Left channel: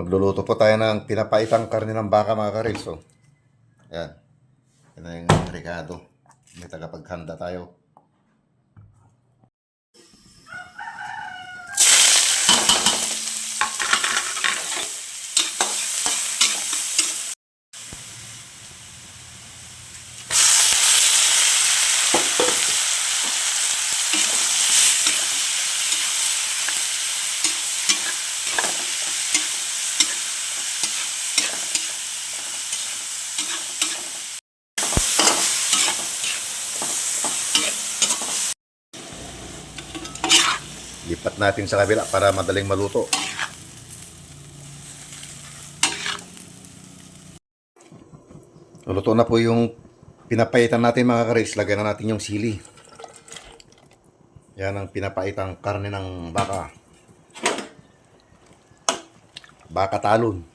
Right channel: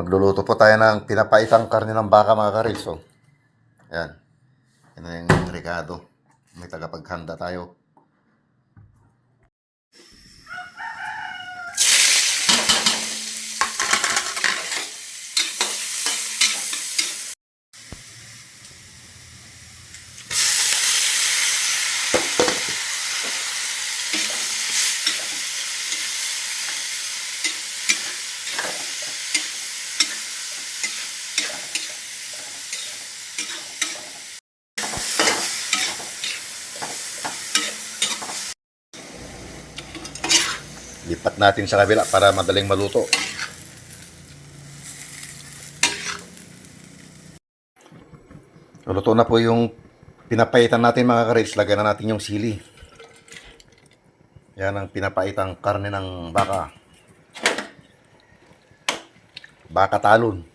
Magluluto po tayo ng pinapaitang karne ng baka mga karils. So, yan. Yan na yung Ricardo. May tagapaghanda tayo. Lipat natin sa kabila para madaling maluto. Luto na po yung pinapaitan natin mga karils. Lagyan na natin yung sili. Yan ang pinapaitang karne ng baka. Baka talon.